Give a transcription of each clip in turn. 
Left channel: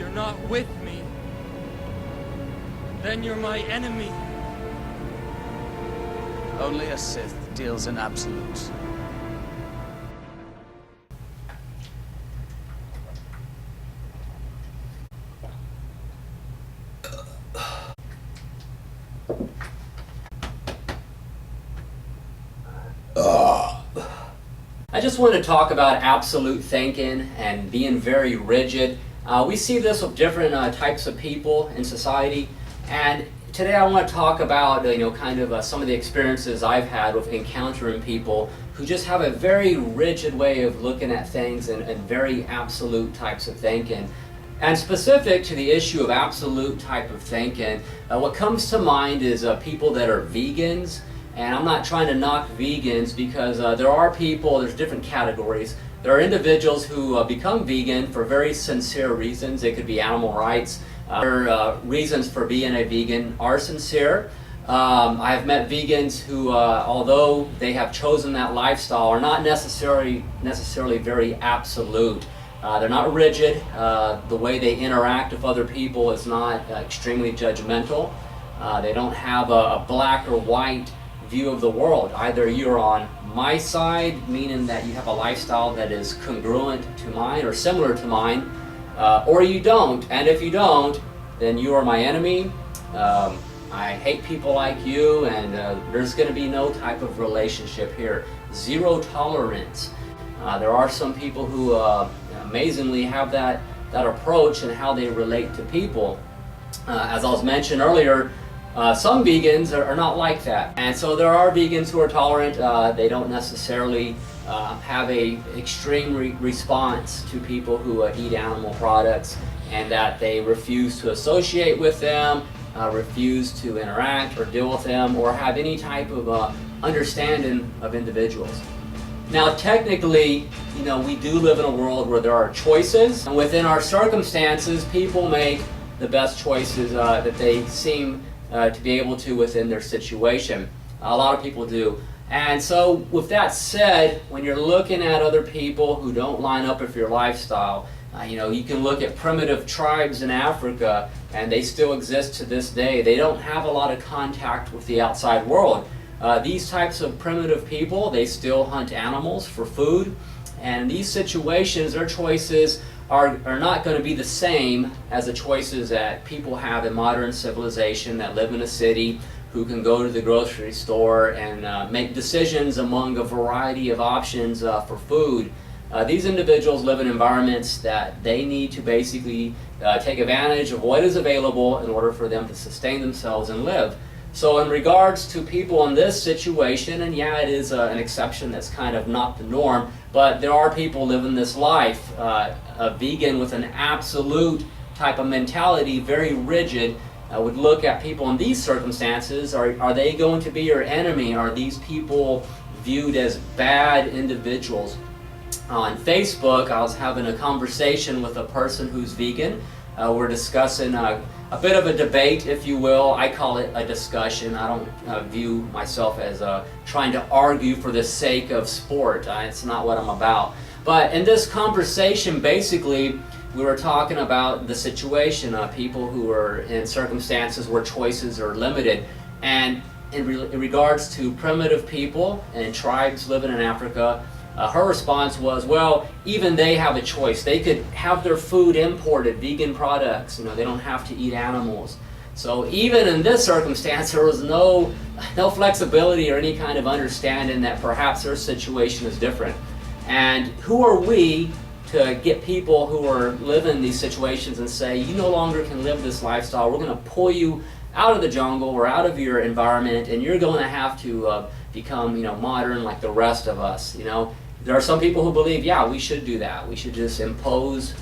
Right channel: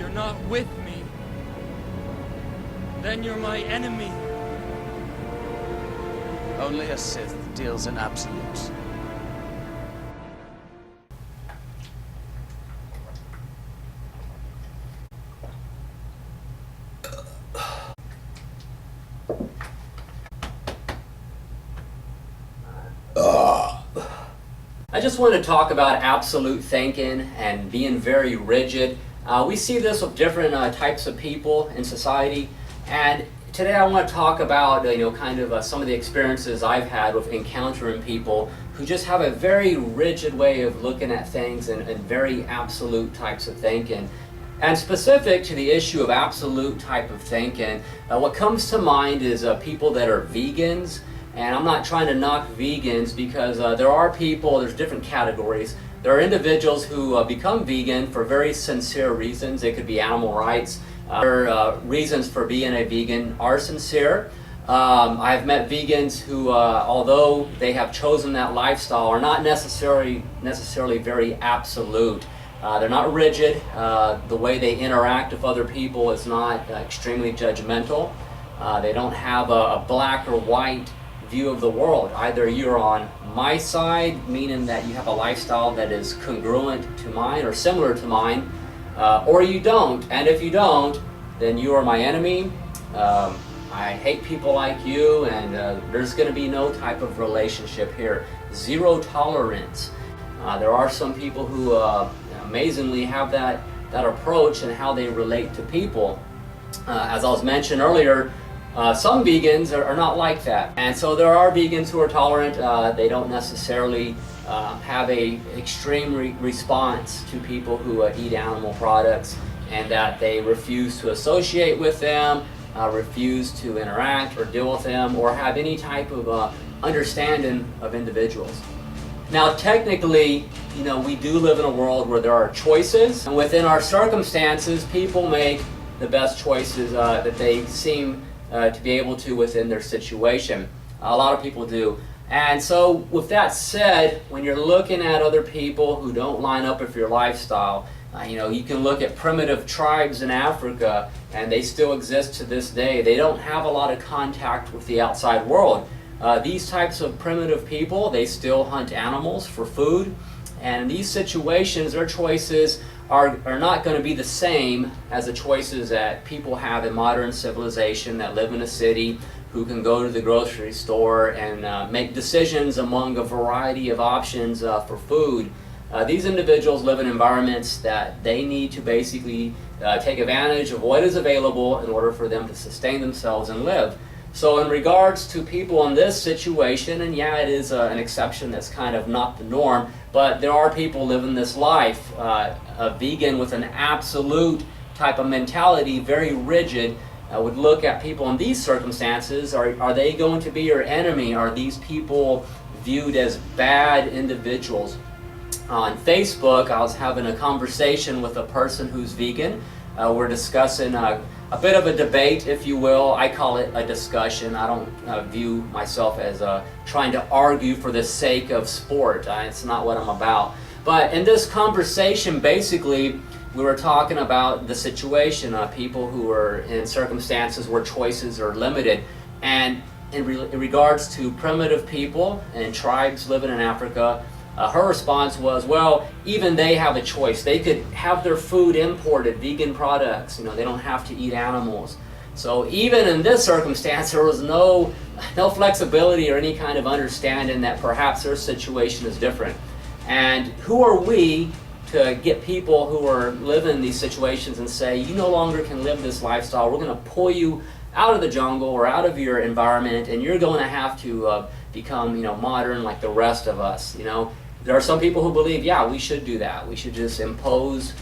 you're not with me, then you're my enemy. Only a Sith deals in absolutes. I just want to talk about absolute thinking and being very rigid. We see this with different types of people in society, and today I want to talk about some of the experiences I've had with encountering people who just have a very rigid way of looking at things and very absolute types of thinking. And specific to the issue of absolute type of thinking, what comes to mind is people that are vegans. And I'm not trying to knock vegans, because there are people, there's different categories. There are individuals who become vegan for very sincere reasons. It could be animal rights. Their reasons for being a vegan are sincere. I've met vegans who, although they have chosen that lifestyle, are not necessarily very absolute. They're not rigid. The way they interact with other people is not extremely judgmental. They don't have a black or white view of the world. Either you're on my side, meaning that you have a lifestyle that is congruent to mine or similar to mine, or you don't. And if you don't, then you are my enemy. I hate people like you, and there's going to be no type of relationship here. Zero tolerance. There are some people who amazingly have that approach in how they relate to people. As I was mentioned earlier, some vegans are not like that, and so there are vegans who are tolerant. They don't necessarily have a extreme response to people who eat animal products, and that they refuse to associate with them, refuse to interact or deal with them, or have any type of understanding of individuals. Now, technically, we do live in a world where there are choices, and within our circumstances, people make the best choices that they seem to be able to within their situation. A lot of people do. And so with that said, when you're looking at other people who don't line up with your lifestyle, you can look at primitive tribes in Africa, and they still exist to this day. They don't have a lot of contact with the outside world. These types of primitive people, they still hunt animals for food, and in these situations, their choices are not going to be the same as the choices that people have in modern civilization that live in a city, who can go to the grocery store and make decisions among a variety of options for food. These individuals live in environments that they need to basically take advantage of what is available in order for them to sustain themselves and live. So in regards to people in this situation, and yeah, it is an exception that's kind of not the norm, but there are people living this life, a vegan with an absolute type of mentality, very rigid, would look at people in these circumstances. Are they going to be your enemy? Are these people viewed as bad individuals? On Facebook, I was having a conversation with a person who's vegan. We're discussing a bit of a debate, if you will. I call it a discussion. I don't view myself as trying to argue for the sake of sport. It's not what I'm about. But in this conversation, basically, we were talking about the situation of people who are in circumstances where choices are limited. And in regards to primitive people and tribes living in Africa, her response was, well, even they have a choice. They could have their food imported, vegan products. They don't have to eat animals. So even in this circumstance, there was no flexibility or any kind of understanding that perhaps their situation is different. And who are we to get people who are living these situations and say, you no longer can live this lifestyle. We're going to pull you out of the jungle or out of your environment, and you're going to have to become, modern like the rest of us. There are some people who believe, yeah, we should do that. We should just impose,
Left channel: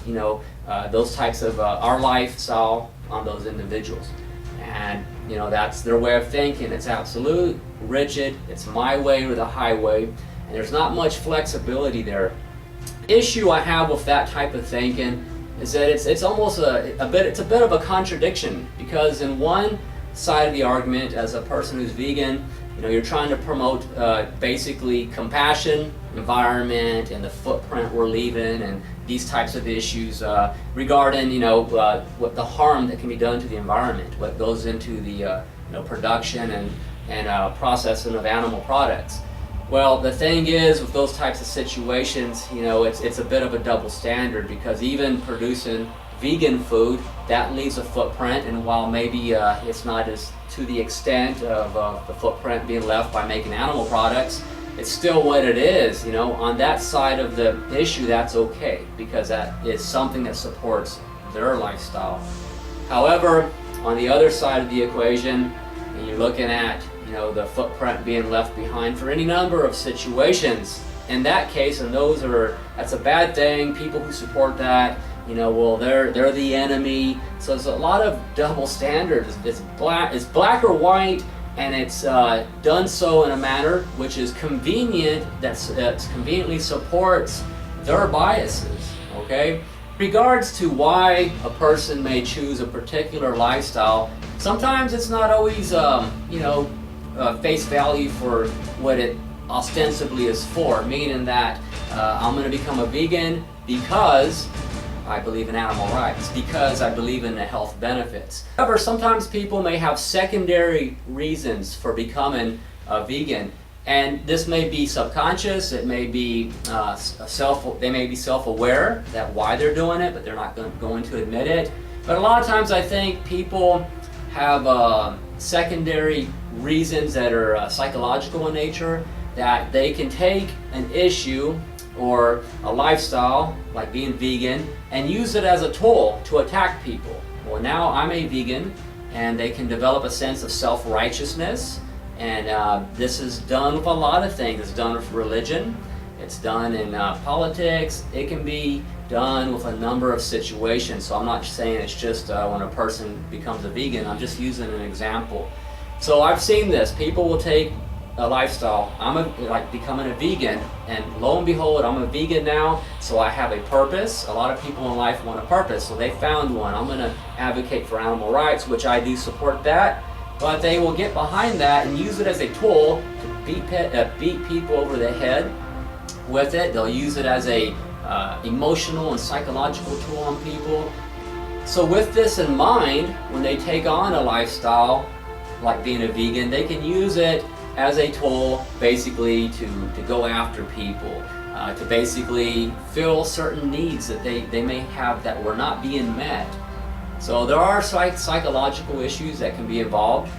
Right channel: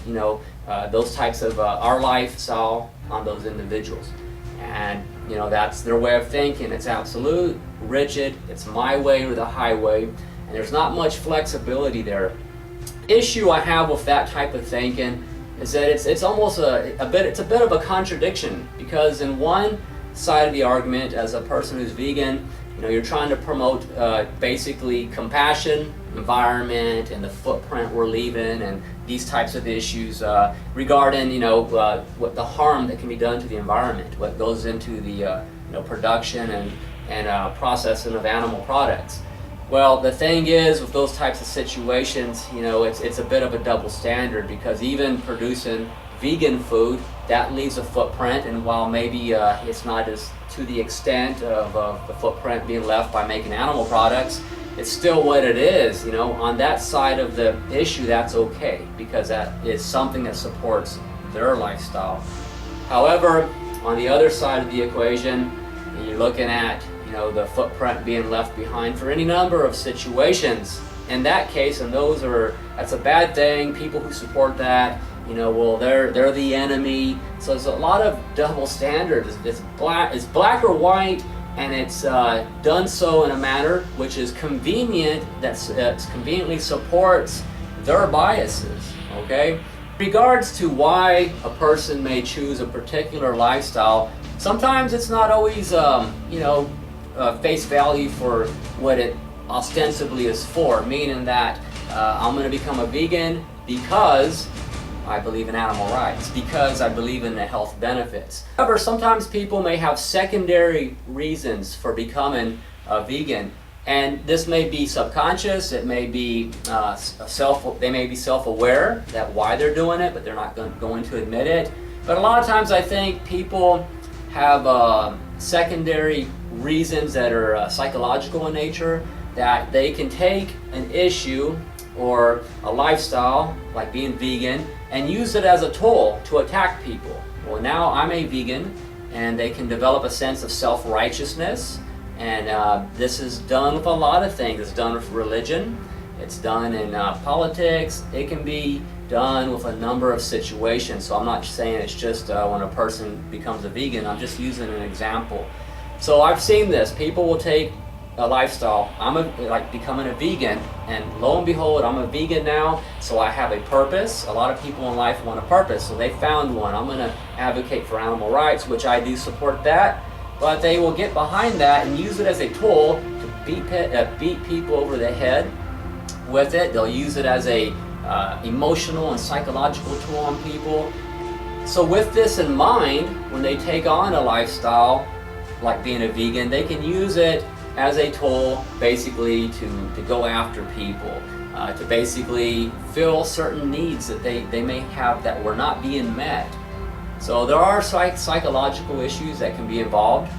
those types of our lifestyle on those individuals. And, that's their way of thinking. It's absolute, rigid, it's my way or the highway, and there's not much flexibility there. Issue I have with that type of thinking is that it's almost a bit of a contradiction, because in one side of the argument, as a person who's vegan, You're trying to promote basically compassion, environment, and the footprint we're leaving, and these types of issues regarding what the harm that can be done to the environment, what goes into the production and processing of animal products. Well, the thing is, with those types of situations, it's a bit of a double standard, because even producing vegan food, that leaves a footprint, and while maybe it's not as to the extent of the footprint being left by making animal products, it's still what it is. On that side of the issue, that's okay, because that is something that supports their lifestyle. However, on the other side of the equation, you're looking at the footprint being left behind for any number of situations. In that case, and that's a bad thing. People who support that, they're the enemy. So there's a lot of double standards. It's black or white, and it's done so in a manner which is convenient, that conveniently supports their biases. Okay. Regards to why a person may choose a particular lifestyle, sometimes it's not always face value for what it ostensibly is for, meaning that I'm going to become a vegan because I believe in animal rights, because I believe in the health benefits. However, sometimes people may have secondary reasons for becoming a vegan, and this may be subconscious. It may be they may be self-aware that why they're doing it, but they're not going to admit it. But a lot of times I think people have secondary reasons that are psychological in nature, that they can take an issue or a lifestyle like being vegan and use it as a tool to attack people. Well, now I'm a vegan, and they can develop a sense of self-righteousness, and this is done with a lot of things. It's done with religion, it's done in politics, it can be done with a number of situations. So I'm not saying it's just when a person becomes a vegan, I'm just using an example. So I've seen this. People will take a lifestyle. like becoming a vegan, and lo and behold, I'm a vegan now, so I have a purpose. A lot of people in life want a purpose, so they found one. I'm going to advocate for animal rights, which I do support that, but they will get behind that and use it as a tool to beat people over the head with it. They'll use it as a emotional and psychological tool on people. So with this in mind, when they take on a lifestyle like being a vegan, they can use it as a tool basically to go after people, to basically fill certain needs that they may have that were not being met. So there are psychological issues that can be involved.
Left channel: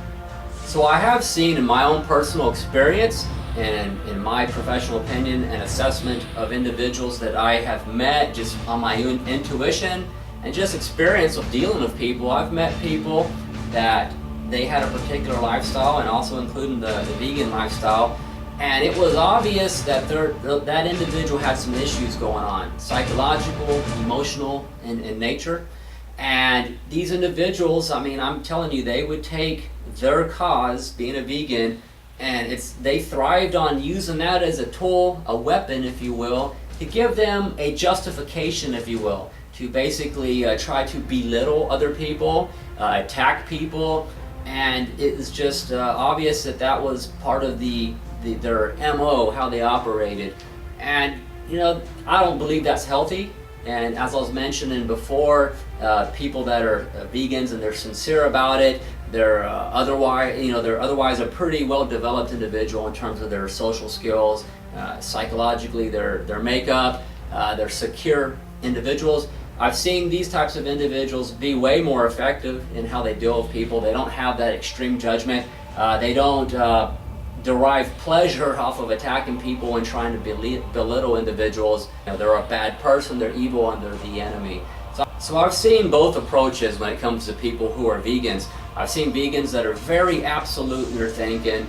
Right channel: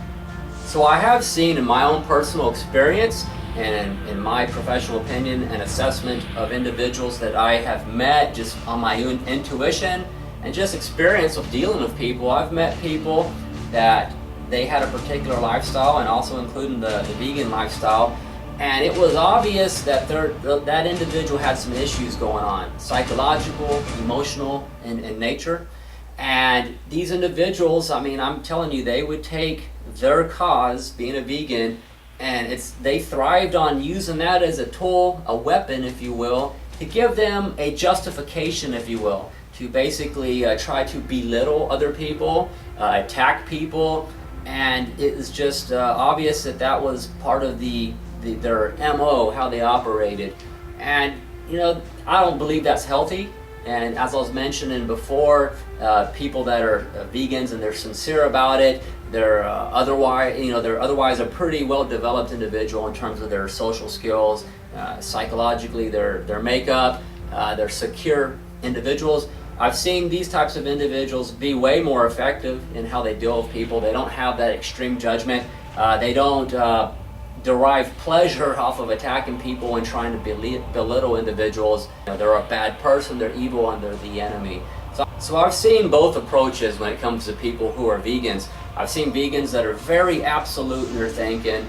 So I have seen in my own personal experience and in my professional opinion and assessment of individuals that I have met just on my own intuition and just experience of dealing with people, I've met people that they had a particular lifestyle, and also including the vegan lifestyle, and it was obvious that that individual had some issues going on, psychological, emotional in nature. And these individuals, I'm telling you, they would take their cause, being a vegan, and they thrived on using that as a tool, a weapon, if you will, to give them a justification, if you will, to basically try to belittle other people, attack people. And it was just obvious that was part of their MO, how they operated. And I don't believe that's healthy. And as I was mentioning before, people that are vegans and they're sincere about it, they're otherwise a pretty well developed individual in terms of their social skills, psychologically, their makeup, they're secure individuals. I've seen these types of individuals be way more effective in how they deal with people. They don't have that extreme judgment. They don't derive pleasure off of attacking people and trying to belittle individuals. They're a bad person, they're evil, and they're the enemy. So I've seen both approaches when it comes to people who are vegans. I've seen vegans that are very absolute in their thinking,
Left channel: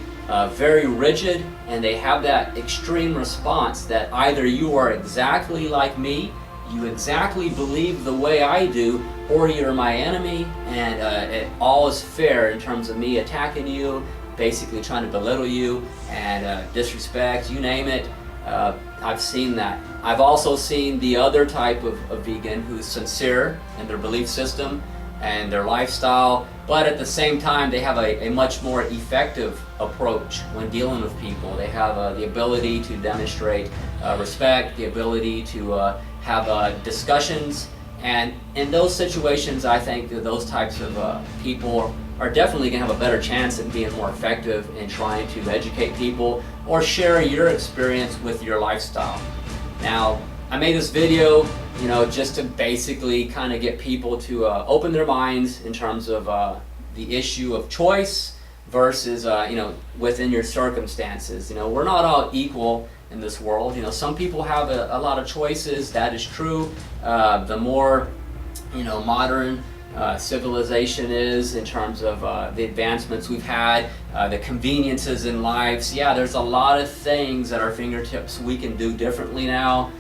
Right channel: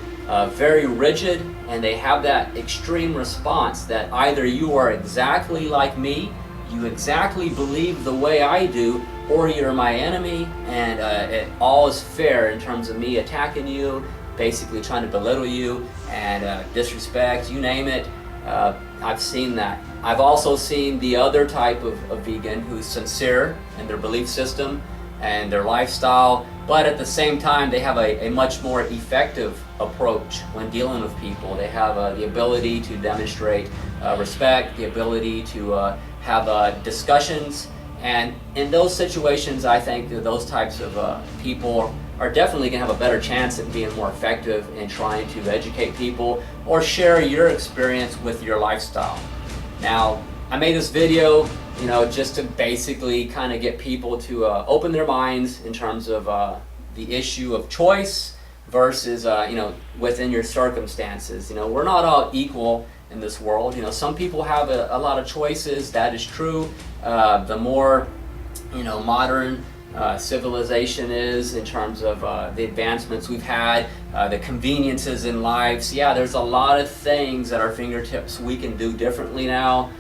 very rigid, and they have that extreme response that either you are exactly like me, you exactly believe the way I do, or you're my enemy, and all is fair in terms of me attacking you, basically trying to belittle you and disrespect, you name it. I've seen that. I've also seen the other type of vegan who's sincere in their belief system, and their lifestyle, but at the same time they have a much more effective approach when dealing with people. They have the ability to demonstrate respect, the ability to have discussions, and in those situations I think that those types of people are definitely going to have a better chance at being more effective in trying to educate people or share your experience with your lifestyle. Now, I made this video, just to basically kind of get people to open their minds in terms of the issue of choice versus, within your circumstances. We're not all equal in this world. Some people have a lot of choices. That is true. The more, modern civilization is in terms of the advancements we've had, the conveniences in life. So yeah, there's a lot of things at our fingertips we can do differently now,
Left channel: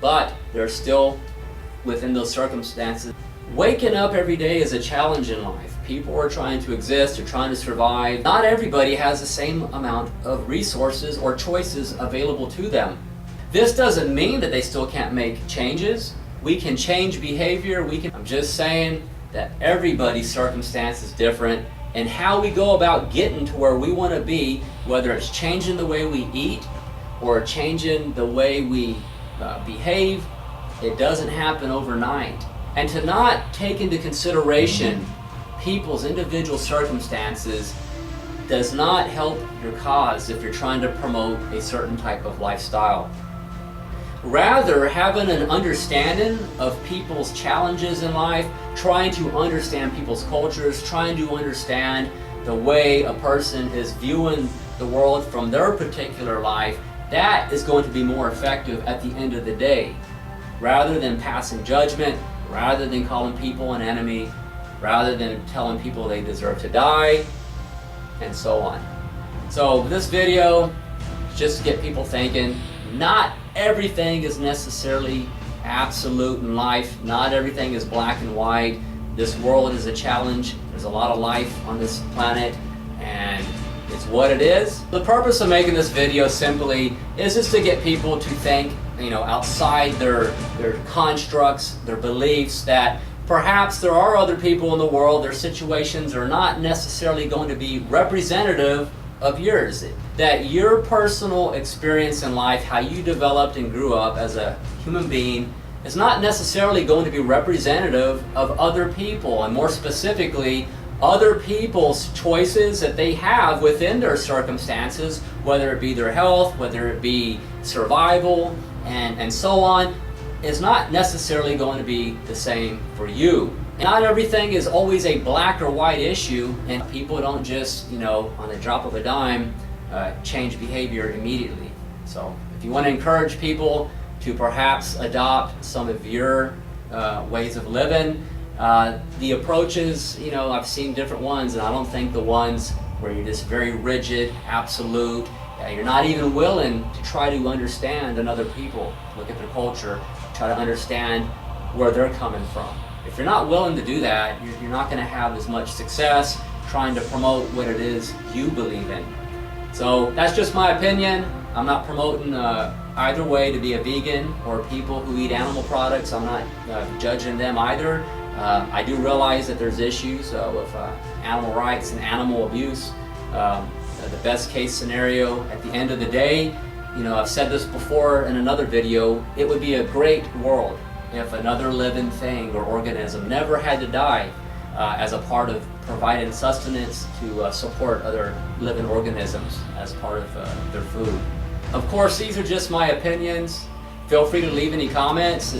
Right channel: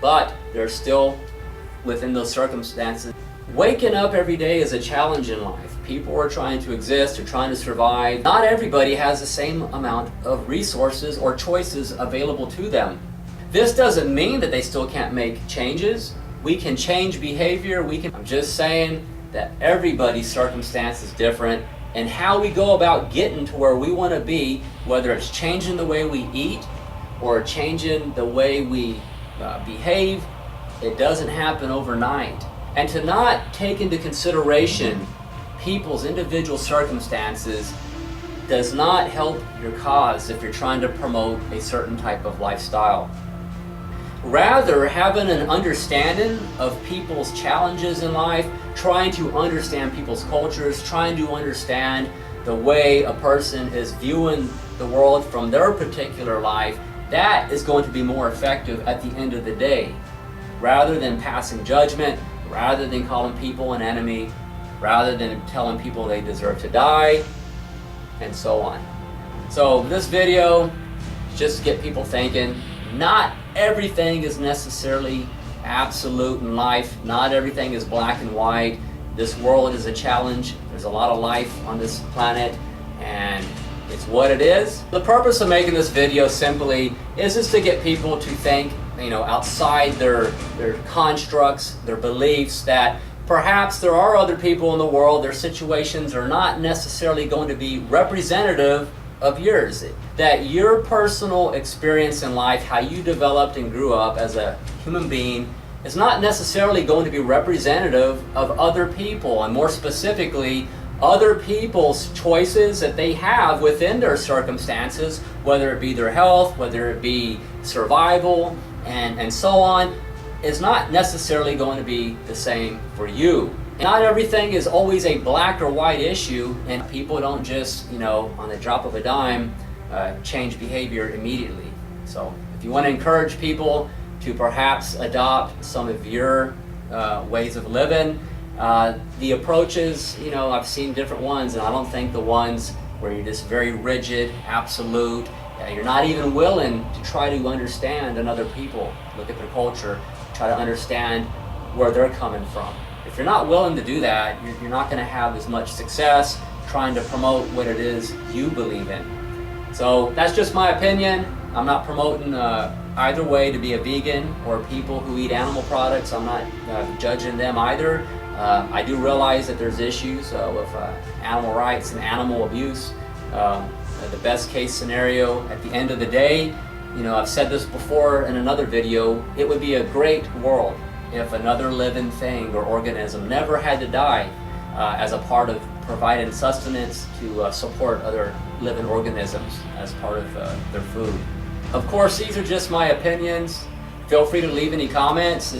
but they're still within those circumstances. Waking up every day is a challenge in life. People are trying to exist, they're trying to survive. Not everybody has the same amount of resources or choices available to them. This doesn't mean that they still can't make changes. We can change behavior. I'm just saying that everybody's circumstance is different, and how we go about getting to where we want to be, whether it's changing the way we eat or changing the way we behave, it doesn't happen overnight. And to not take into consideration people's individual circumstances does not help your cause if you're trying to promote a certain type of lifestyle. Rather, having an understanding of people's challenges in life, trying to understand people's cultures, trying to understand the way a person is viewing the world from their particular life, that is going to be more effective at the end of the day. Rather than passing judgment, rather than calling people an enemy, rather than telling people they deserve to die, and so on. So this video is just to get people thinking. Not everything is necessarily absolute in life. Not everything is black and white. This world is a challenge. There's a lot of life on this planet, and it's what it is. The purpose of making this video simply is just to get people to think, outside their constructs, their beliefs, that perhaps there are other people in the world, their situations are not necessarily going to be representative of yours. That your personal experience in life, how you developed and grew up as a human being, is not necessarily going to be representative of other people, and more specifically, other people's choices that they have within their circumstances, whether it be their health, whether it be survival, and so on, is not necessarily going to be the same for you. Not everything is always a black or white issue, and people don't just, on the drop of a dime, change behavior immediately. So if you want to encourage people to perhaps adopt some of your ways of living, the approaches, I've seen different ones, and I don't think the ones where you're just very rigid, absolute, you're not even willing to try to understand another people, look at their culture, try to understand where they're coming from. If you're not willing to do that, you're not going to have as much success trying to promote what it is you believe in. So that's just my opinion. I'm not promoting either way to be a vegan, or people who eat animal products. I'm not judging them either. I do realize that there's issues with animal rights and animal abuse. The best case scenario at the end of the day, I've said this before in another video, it would be a great world if another living thing or organism never had to die as a part of providing sustenance to support other living organisms as part of their food. Of course, these are just my opinions. Feel free to leave any comments.